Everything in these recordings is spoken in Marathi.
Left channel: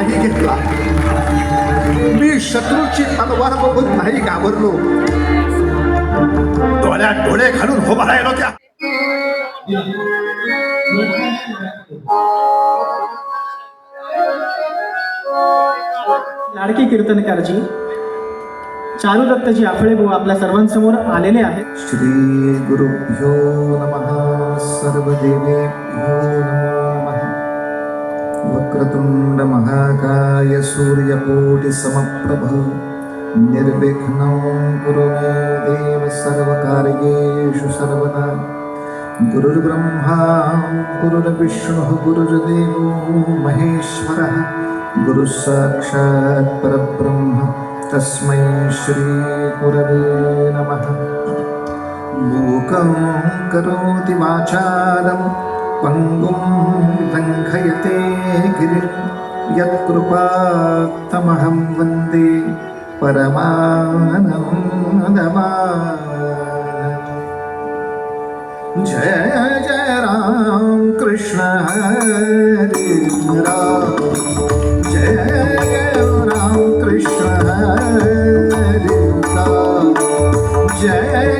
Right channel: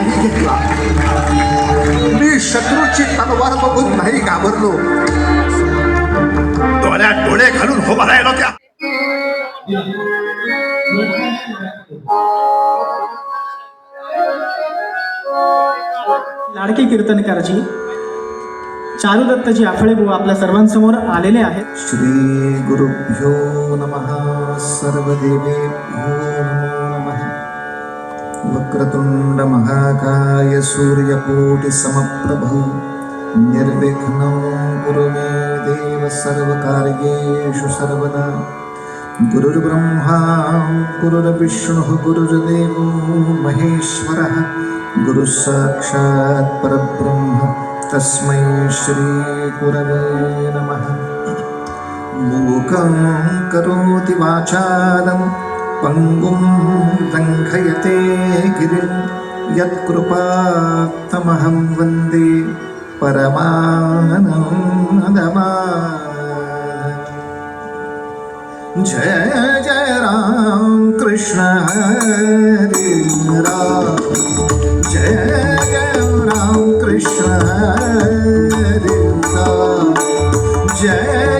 नाही घेतला. मी शत्रूची तलवार बघून नाही घाबरलो. डोळ्यात डोळे घालून उभा राहिलो त्या लाडके कीर्तनकारजी चारुदत्तजी आफळे भाऊ आपल्या सर्वांसमोर आलेले आहेत. श्री गुरुभ्यो नमः सर्वदेवेभ्यो नमः. वक्रतुंड महाकाय सूर्यकोटि समप्रभ निर्विघ्नं कुरु मे देव सर्वकार्येषु सर्वदा। गुरुर्ब्रह्मा गुरुर्विष्णुः गुरुर्देवो महेश्वरः। गुरुः साक्षात् परब्रह्म तस्मै श्रीगुरवे नमः। मूकं करोति वाचालं पङ्गुं लङ्घयते गिरिं यत्कृपात्तमहं वन्दे परमानन्दमा जय जय राम कृष्ण हरे राम। जय जय राम कृष्ण हरे राम। जय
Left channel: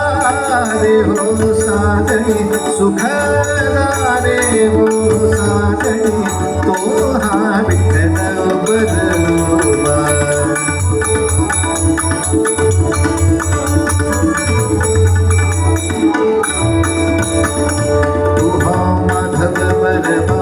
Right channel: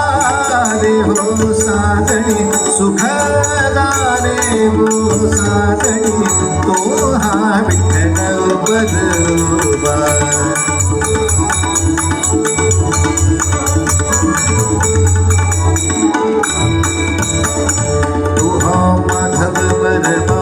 वो सुख हो साजणी सुख झाले हो साजणी तो हा विठ्ठल बदलोबा तो हा माधव बरबा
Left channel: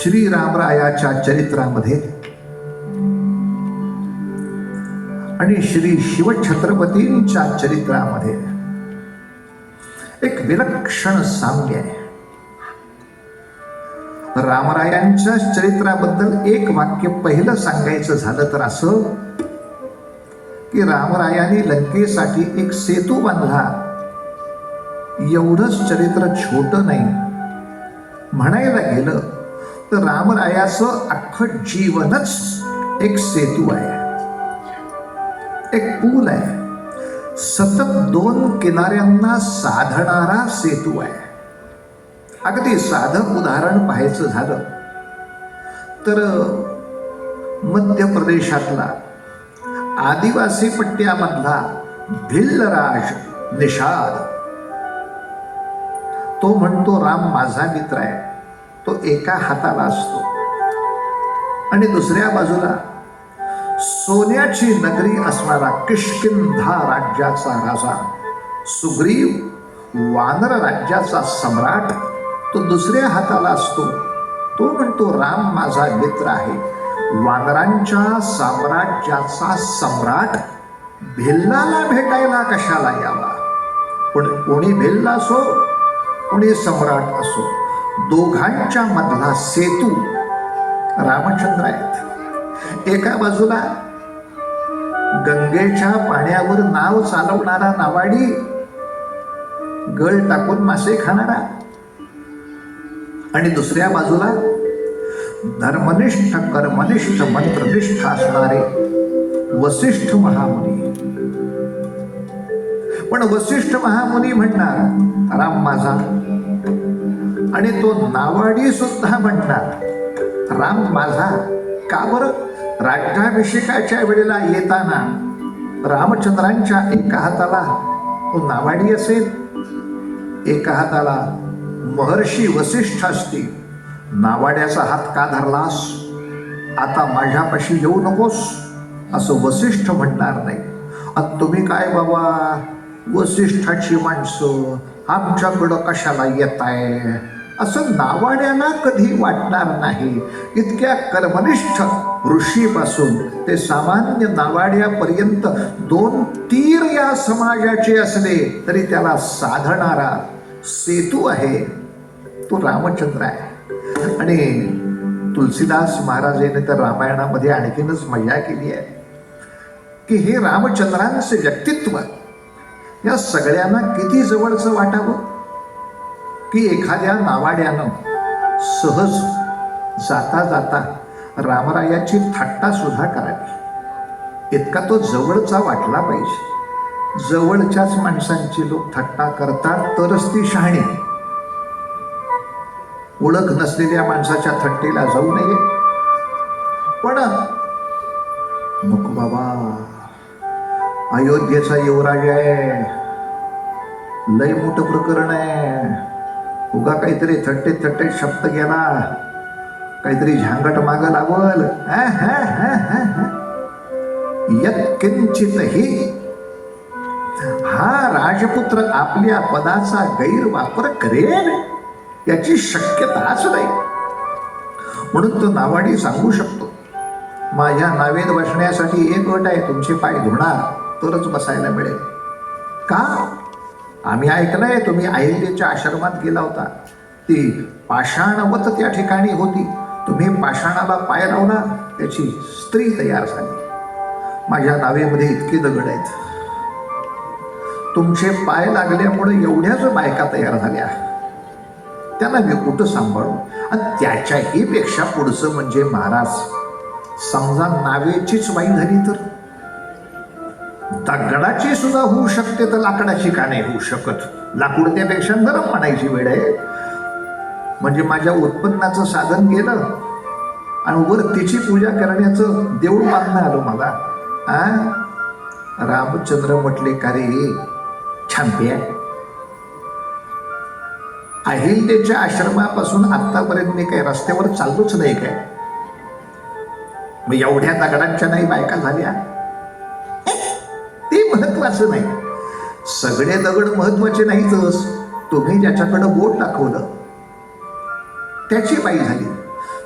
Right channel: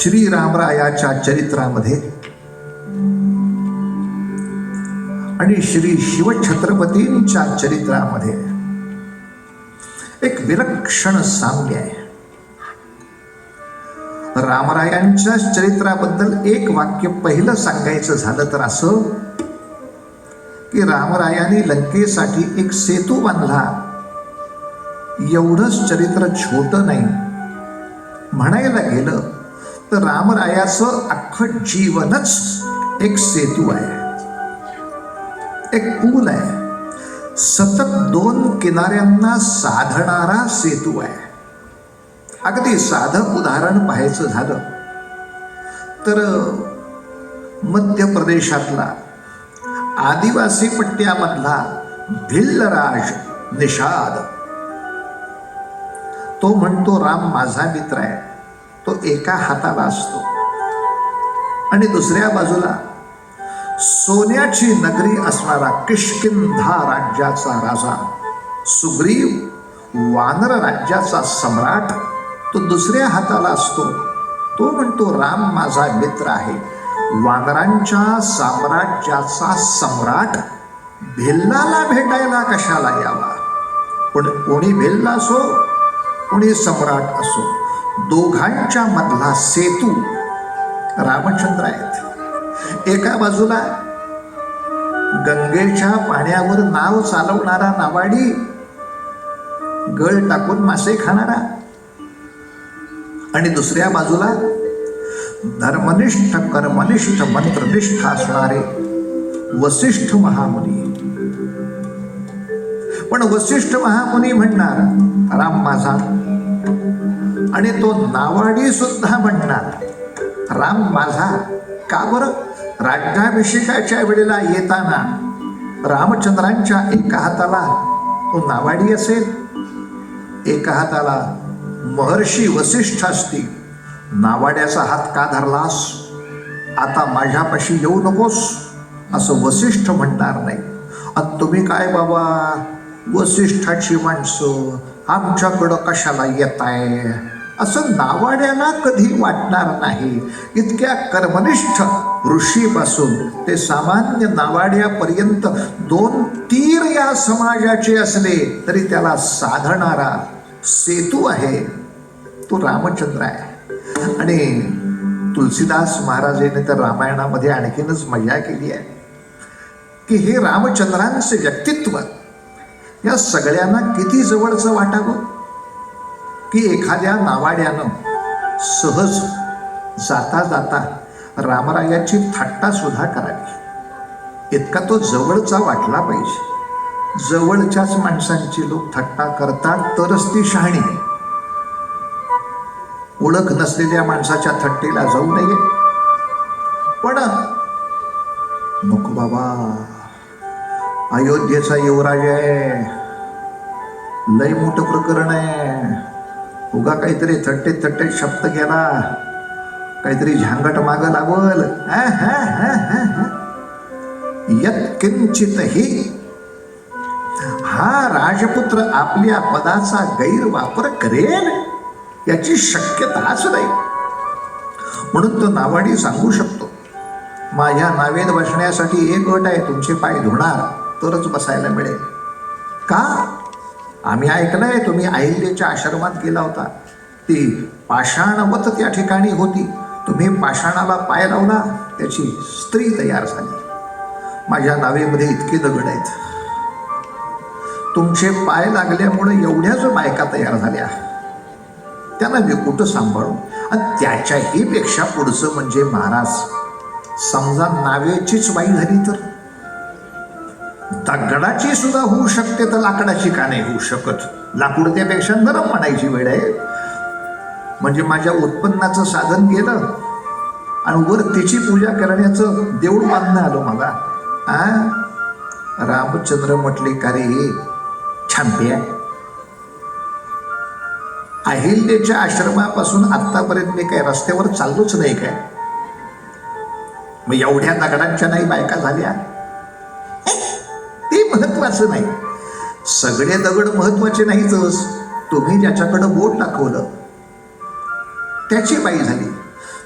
श्रीरामरायाच्या चरित्रामध्ये. आणि श्री शिवछत्रपतींच्या चरित्रामध्ये एक विलक्षण साम्य आहे. रामरायांच्या चरित्राबद्दल एक वाक्य पहिलं सांगायचं झालं तर असं की रामरायाने लंकेसाठी एक सेतू बांधला. एवढंच चरित्र छोट नाही. म्हणायला गेलं तर रामरायाचं अख्खं जीवनच एक सेतू आहे. एक पूल आहे. सतत दोन किनाऱ्यांना साधणारा सेतू आहे. अगदी साधं उदाहरण पाहायचं झालं तर मध्य प्रदेशातला आदिवासी पट्ट्यामधला भिल्लराज निषाद. तो म्हणतो राम माझा मित्र आहे. तो एका हाताला असतो. आणि दुसऱ्या बाजूला सोन्याची नगरी असणारा किष्किंधा राज्याचा राजा सुग्रीव वानर राज्याचा सम्राट तो दुसऱ्या हाताला असतो. तो म्हणतो राम माझा मित्र आहे. वानरांच्या साम्राज्याचा सम्राट भिल्लाला भेटायला कशाला यावा? पण कोणी भिल्ला असो कोणी सम्राट असो. दोघांच्या मधला सेतू रामचंद्र आहेत. एका बाजूला गंगेच्या पाण्यावर नाव चालवणारा नावाडी गळ टाकून मासे खाणारा आणि दुसऱ्या बाजूला धर्मनिष्ठ कर्मनिष्ठ मंत्रनिष्ठ असणारे वसिष्ठ महामुनी. पण वसिष्ठ महामुनी म्हणणार राम माझा आणि तो नावाडी सुद्धा म्हणणार राम माझा का बरं? राज्याभिषेकाच्या वेळेला येताना रामचंद्रांच्या एका हाताला तो नावाडी असेल. एका हाताला महर्षी वसिष्ठ असतील. नावाड्याचा हात का धरलास? आता माझ्यापाशी येऊ नकोस असं वसिष्ठ म्हणणार नाही. आणि तुम्ही काय बाबा? वसिष्ठाची माणसं आमच्याकडं कशाला येत आहे असं नावाड्याला कधी वाटणार नाही. इतक्या कर्मनिष्ठ ऋषीपासून ते सामान्य नावाड्यापर्यंत दोन तीर या समाजाचे असले तरी त्याला साधणारा सेतू आहे. तो रामचंद्र आहे. आणि तुलसीदास महाराज यांनी तर रामायणामध्ये आणखीनच मजा केली आहे. की हे रामचंद्रांचे व्यक्तित्व या सगळ्यांना किती जवळचं वाटावं? की एखाद्या नावाड्यानं सहज जाता जाता रामरायाची थट्टा सुद्धा करावी. इतका तो जवळचा वाटला पाहिजे. जवळच्याच माणसांची लोक थट्टा करतात तरच ती शहाणी. ओळख नसलेल्या माणसाच्या थट्टेला जाऊ नये. पण नको बाबा. अयोध्येचा युवराज आहे. लय मोठं प्रकरण आहे. उगा काहीतरी थट्टे थट्टे शब्द गेला काहीतरी झांगट माग लागल. किंचित ही हा, हा, राजपुत्र आपल्या पदाचा गैरवापर करेल याची शक्यताच नाही म्हणून तो नावाडी सांगू शकतो माझ्या नावेत बसण्यासाठी एक गट आहे तुमचे पाय धुणार तरच बसायला मिळेल. का? आम्ही ऐकलंय तुम्ही अहिल्याच्या आश्रमात गेला होता. ती पाषाणवत त्या ठिकाणी होती. तुम्ही पाषाणाला पाय लावला त्याची स्त्री तयार झाली. माझ्या नावेमध्ये इतके दगड आहेत. तुमचे पाय लागल्यामुळे एवढ्याच बायका तयार झाल्या. त्यांना मी कुठं सांभाळू? आणि त्याच्याही पेक्षा पुढचं म्हणजे महाराज समजा नावेचीच बाई झाली तर? दगडाची सुद्धा होऊ शकते तर लाकडाची का नाही होऊ शकत? लाकूड त्यापेक्षा नरम म्हणायची वेळ आहे. म्हणजे माझ्या उत्पन्नाचं साधन केलं आणि वर तिची पूजा करण्याचं देऊळ बांधणं आलं मला. आ? रामचंद्र म्हटले का रे? छानपे अहिल्याच्या आश्रमापासून आतापर्यंत मी काय रस्त्यावर चाललोच नाही काय. मग एवढ्या दगडांच्या नाही बायका झाल्या? महत्वाचं नाही. सगळे दगड महत्त्वाचे नाहीतच. तुम्ही ज्याच्याकडं बोट दाखवलं त्याची बाई झाली.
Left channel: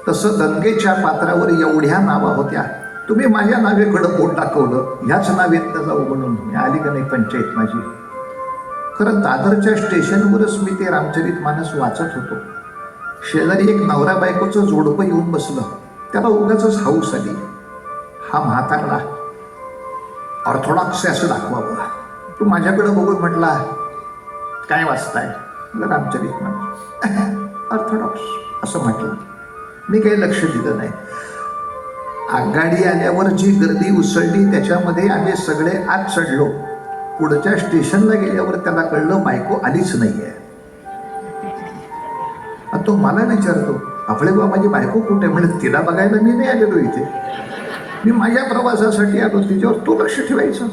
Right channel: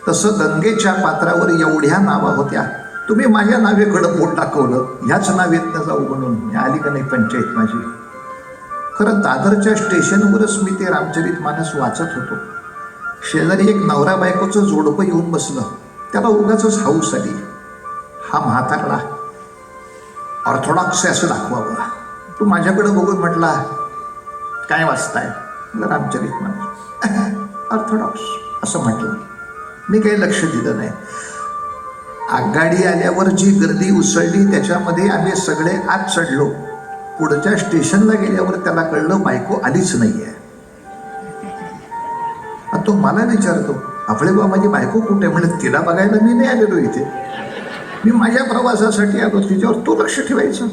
तसं गंगेच्या पात्रावर एवढ्या नावा होत्या. तुम्ही माझ्या नावेकडं बोट दाखवलं. ह्याच नावेत जाऊ म्हणून मी आली का नाही पंचायत माझी? खरं दादरच्या स्टेशनवरच मी ते रामचरित मानस वाचत होतो. शेजारी एक नवरा बायकोचं जोडपं येऊन बसलं. त्याला उगाच हाऊस आली. हा म्हातारला ऑर्थोडॉक्स असं दाखवावं तू माझ्याकडं बघून म्हटला काय वाचताय? म्हणलं, रामचरित म्हणजे ऑर्थोडॉक्स असं म्हटलं. मी काही लक्ष दिलं नाही. आगगाडी आल्यावर जी गर्दी उसळली त्याच्यामध्ये आम्ही सगळे आत चढलो. पुढच्या स्टेशनला गेल्यावर त्याला कळलं बायको आलीच नाही आहे तो मला विचारतो आपले बा माझी बायको कुठे? म्हणजे तिला बघायला मी नाही आलेलो इथे. मी माझ्या प्रवासासाठी आलो. तिच्यावर तो लक्ष ठेवायचं.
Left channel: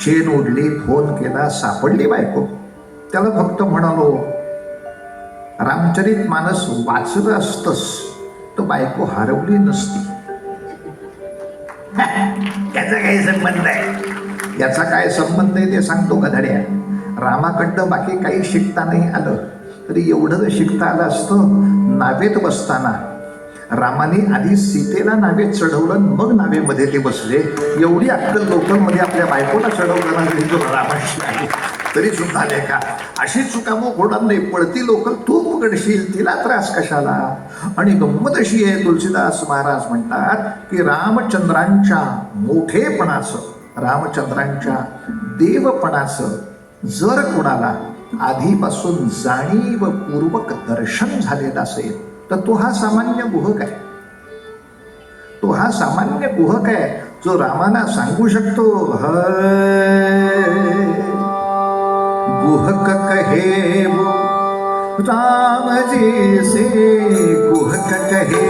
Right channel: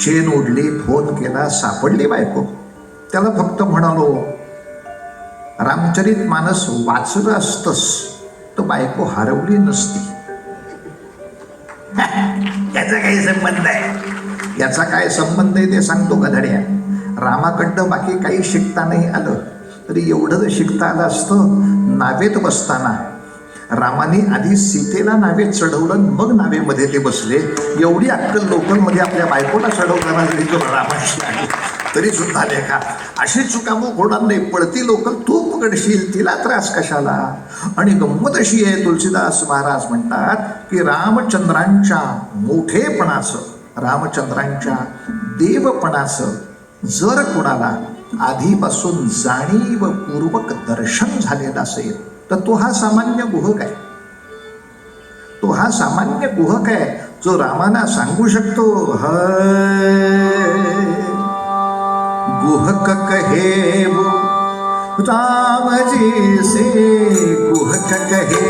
चेन उडली फोन केला सापडली बायको. त्याला फक्त म्हणालो रामचरित मानस वाचलं असतस तर बायको हरवली नसती. त्याचा काय संबंध आहे? याचा काय संबंध आहे ते सांगतो गधड्या रामाकडं बाकी काही शिकता नाही आलं तरी एवढं जर शिकता आलं असतं नावेत बसताना रामाने आधी सीतेला नावे चढवलं मग नावेमध्ये ते बसले. एवढी अक्कल लोकलमध्ये आपल्या बायकोला चढवताना जरी रामाशी तरी सुद्धा लेखा. अशी चुकामो होणार नाही. पळती लोक तू पकडशील तिला त्रास कशाला? आणि गंमत अशी आहे तुलसीदास महाराज म्हणतात की रामचंद्रांच्या मोठेपणाचं रामचंद्रांच्या देवपणाचं जर कोणाला आधीपासून जाणीवपूर्वक दर्शन झालेलं असेल तर तू हा सामान्य गुहक आहे तो हा सामान्य गुहक आहे जो रामाना सांगू शकतो "हय, गुहक कहे वो राम जी से गुहक कहे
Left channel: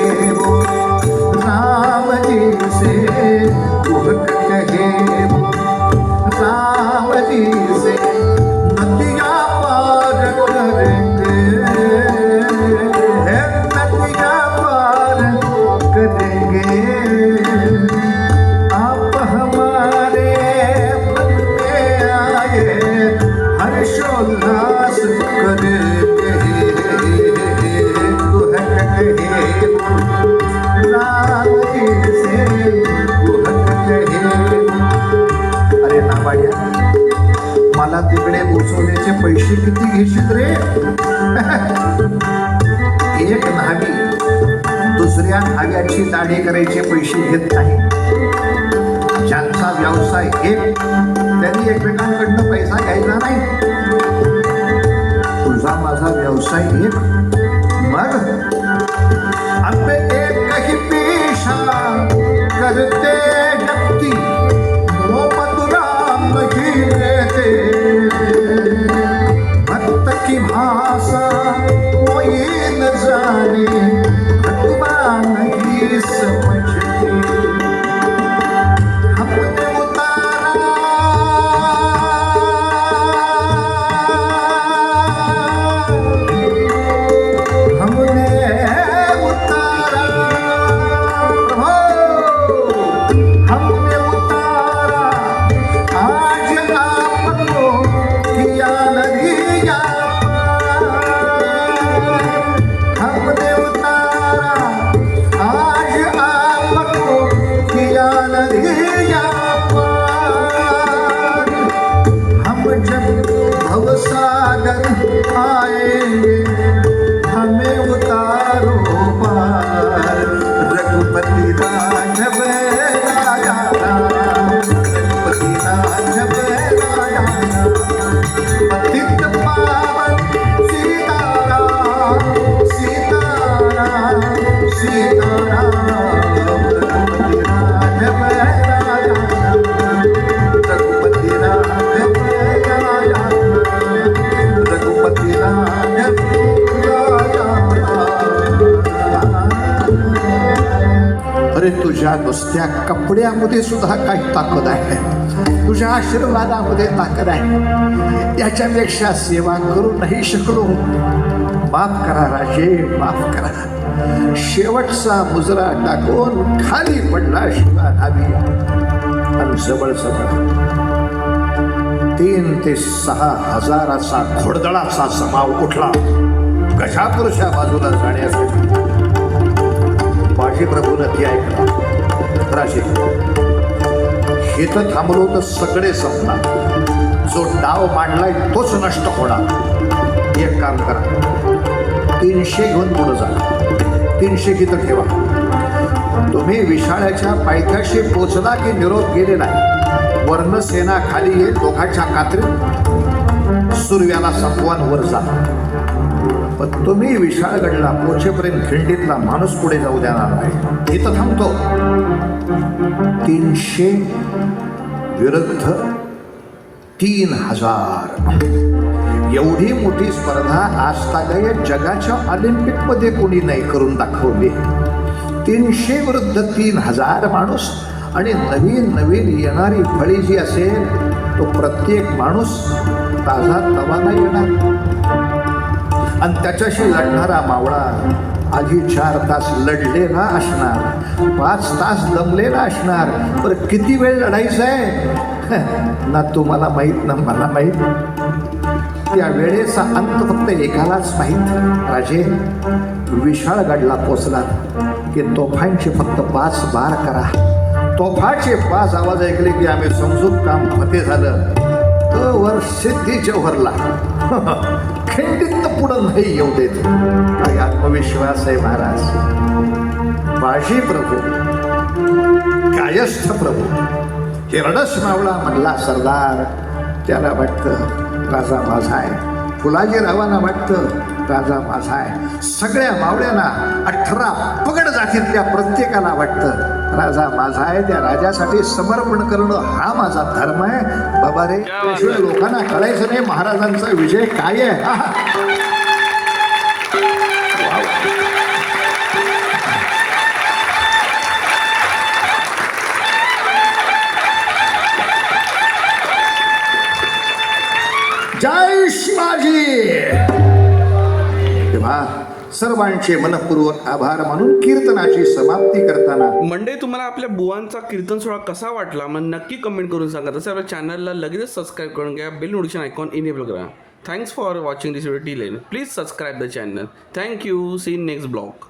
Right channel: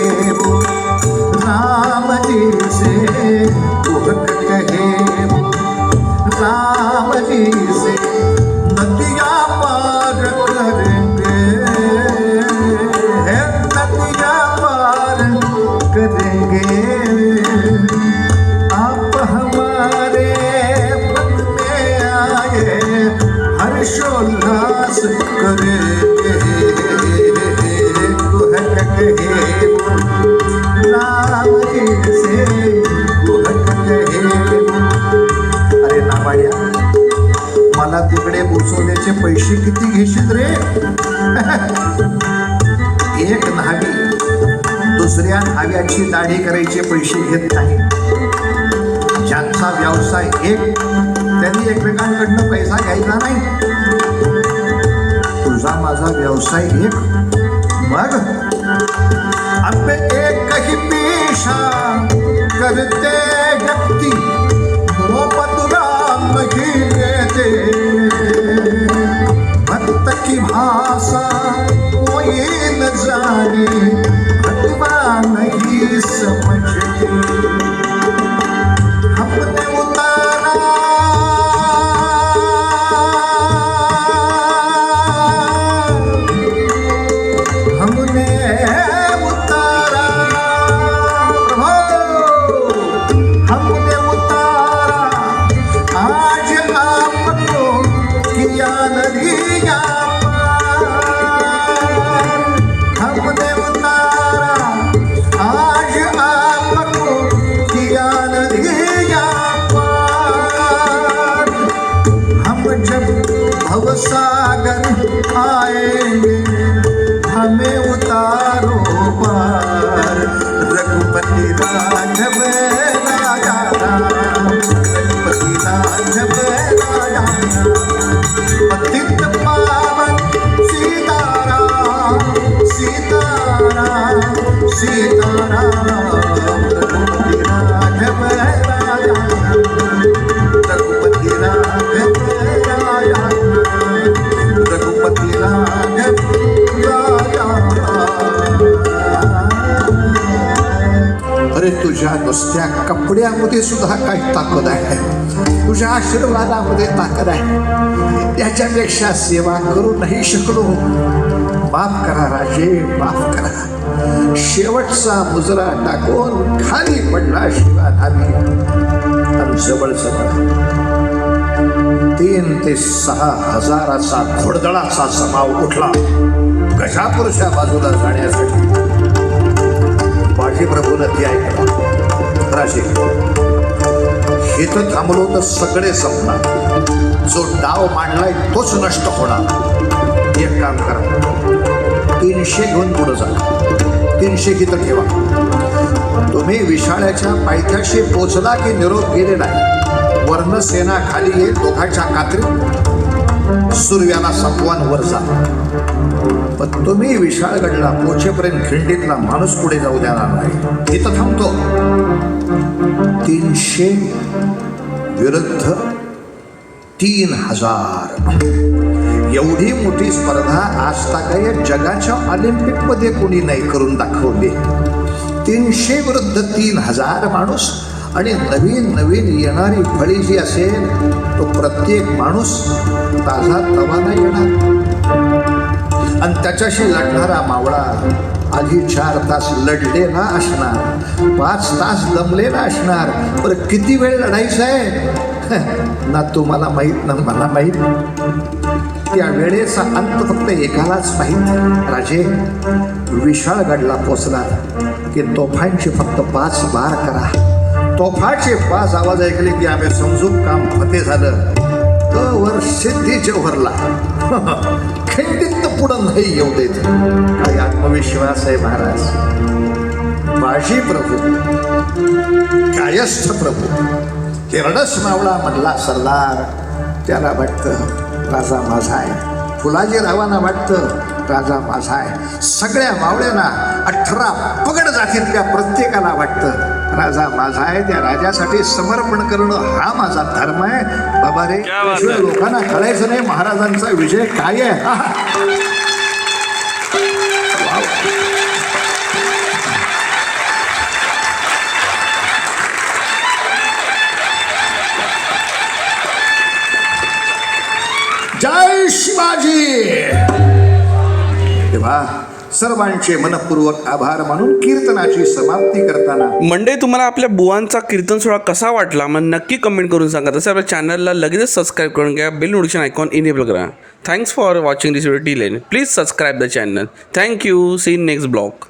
भक्त की भाषा कोई न जाने side. कपड्यामध्ये सुद्धा काही ताकद आहे. तुझ्या आशीर्वादामध्ये ताकद आहे. याच्यापेक्षा सेवा करू नाही शकलो. माफ करा राजे माफ करा. शेवटचा मुजरा टाकून खाली पडला शिवा आम्ही. जवळ जवळ तीन ते सहा हजाराचा घोडदळाचा समाव उठला. गजापूरच्या बाजूला जाण्यासाठी. बाजीप्रभूनं ती ऐकला. राजे इथं थांबलो तर सगळे संपणार. जो डाव मांडलाय तोच नष्ट होणार. एक काम करा. तीनशे घेऊन पुढे जा. तीनशे इथं ठेवा. तुम्ही विशाळ्याच्या पायथ्याशी पोचला की निरोप गेले नाही. वर्णसेना खाली येईल दोघांच्या कात्री. सूर्याला संपवान वर जा. पण तुम्ही विशाळगडला पोचेपर्यंत खिंडीतला माणूस पुढे जाऊ देणार नाही. इथं थांबतो. तीनशे विरुद्ध तीन हजार. एवढी मोठी स्पर्धा आज या जगाच्या ऑलिम्पिकमध्ये कोणी नाही करून दाखवली. तीनशे विरुद्ध तीन हजार माणूस आणि नवीन नवीन येणारी फळी जी असेल तो प्रत्येक माणूस ताजा तवाना येणार. आणि त्याच्याशी लढणारा मावळा आधी चार तास लढलेला असणार पाच तास दमलेला असणार. बरं किती वेळ लढायचं आहे? ना तुम्हाला माहीत ना मला माहीत. त्या वेळेचा अंत फक्त एकालाच माहीत. राजे विशाळगडला पोचला की तोफांची फक्त पाच बार करा. तोफाचे पाच आवाज ऐकले की आम्ही समजून काम फते झालं. तो वर सिद्धीच्या भरला खंडित पुढं नाही येऊ देत. काही आत्मविश्वास आहे महाराज. बाजी प्रभू. कायस्थ प्रभू. हिरणस मावळा म्हणला सरदार त्याला वाटतं राजा माझा आहे. फुलाजी रावांना वाटतं राजा माझा आहे. सगळ्या मावळ्यांना अठरा पगड जातीतल्या प्रत्येकाला वाटतं राजा माझा आहे त्या राजासाठी समर्पण करणं हा माझा धर्म आहे. बाबा रे. लोकांना कळायचं नाही महाराजांचा विजय काय आहे? सर्वांचे मनपूर्वक आभार मानून कीर्तनाची समाप्ती करताना. मंडे तुम्हाला आपल्या बुवांचा कीर्तन सोहळा कसा वाटला? मग नक्की कमेंट करून सांगा. तसं आपल्या चॅनलला लगेचच सबस्क्राईब करून घ्या. बेल नोटिफिकेशन आयकॉन इनेबल करा. Thanks for watching this video T lane please subscribe the channel thank you see next blog